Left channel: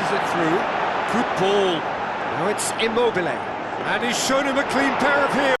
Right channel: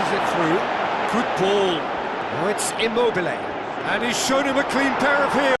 passes it through. Good ball. Now it's Immobile. And he's shown him a clean pair of heels.